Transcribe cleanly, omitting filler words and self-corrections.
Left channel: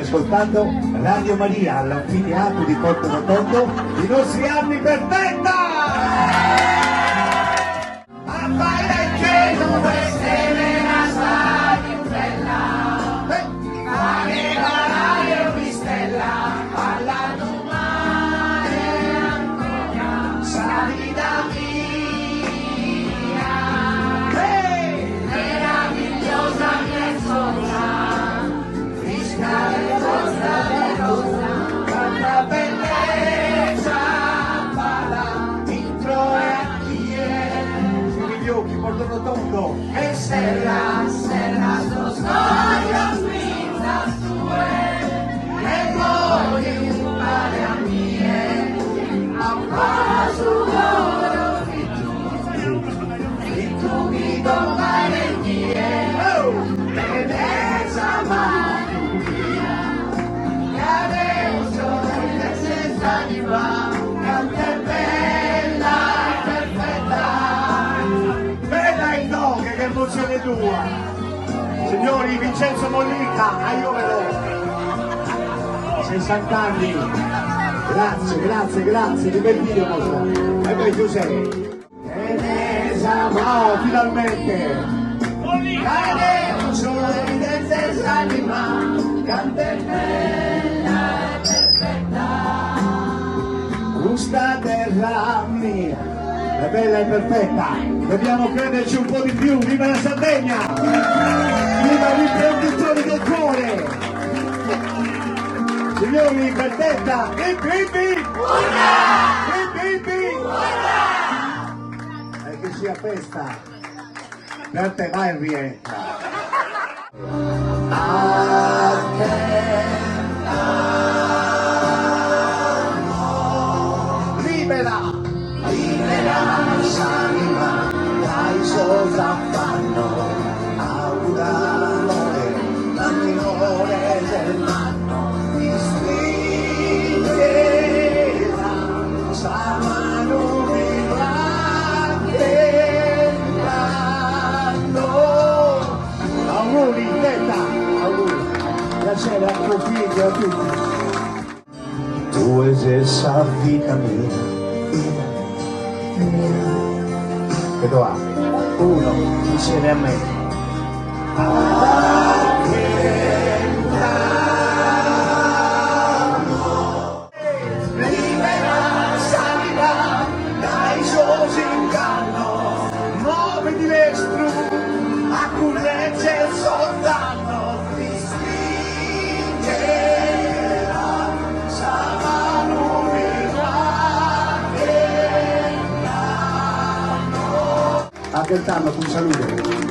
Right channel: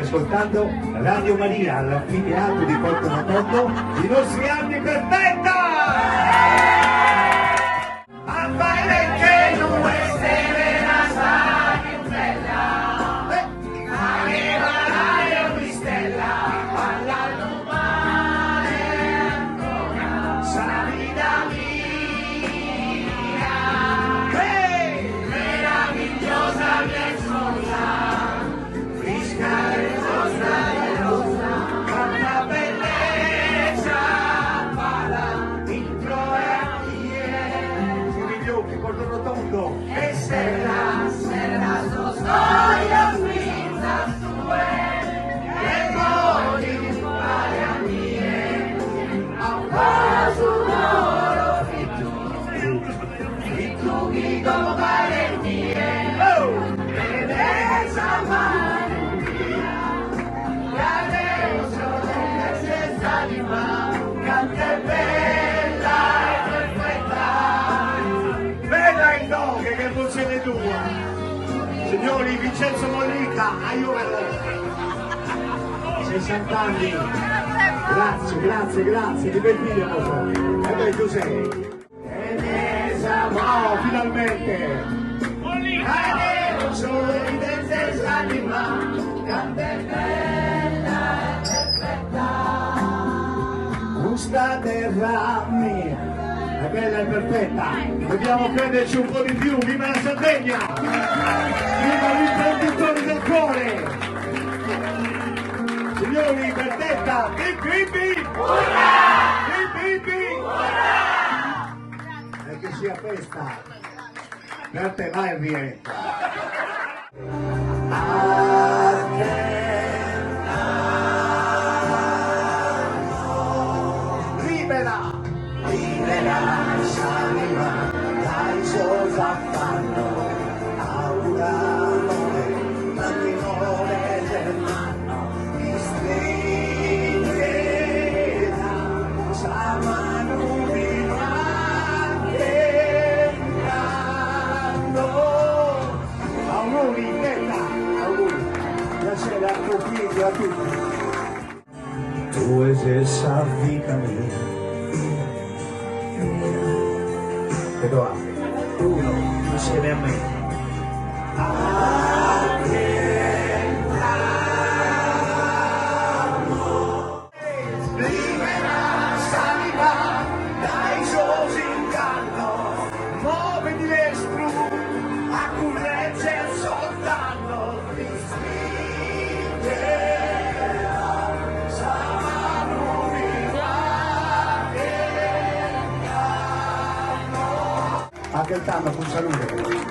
Ascoltando Radio Maria all'anfiteatro di Porto Rotondo, i nostri anni per tenda! Signori, Vincenzo Mollica, a Iovero, 60 anni, grazie, di bel video, e poi tu sei. Teresa, no, finalmente! Mollica! Questa terra mia è bella e perfetta, dobbiamo crederci un po' di più, viva la Sardegna! Viva l'imprenditore del cuore! Signori, Bertetta, Ippi! E che sia festa! Per te vai in rientra! Libera! S'anima, dai cosa fanno, augurano la minore del manno, ti stringerà, saranno auguri, Tetta, auguri, piacere a tuo figlio, a tutti. Tu esa vita mia, che va? Uno, insieme a me. Libera, salva, dai soci inganno, nuove di destro, a currezze soltanto, ti stringerà, saranno raccontarlo con salute.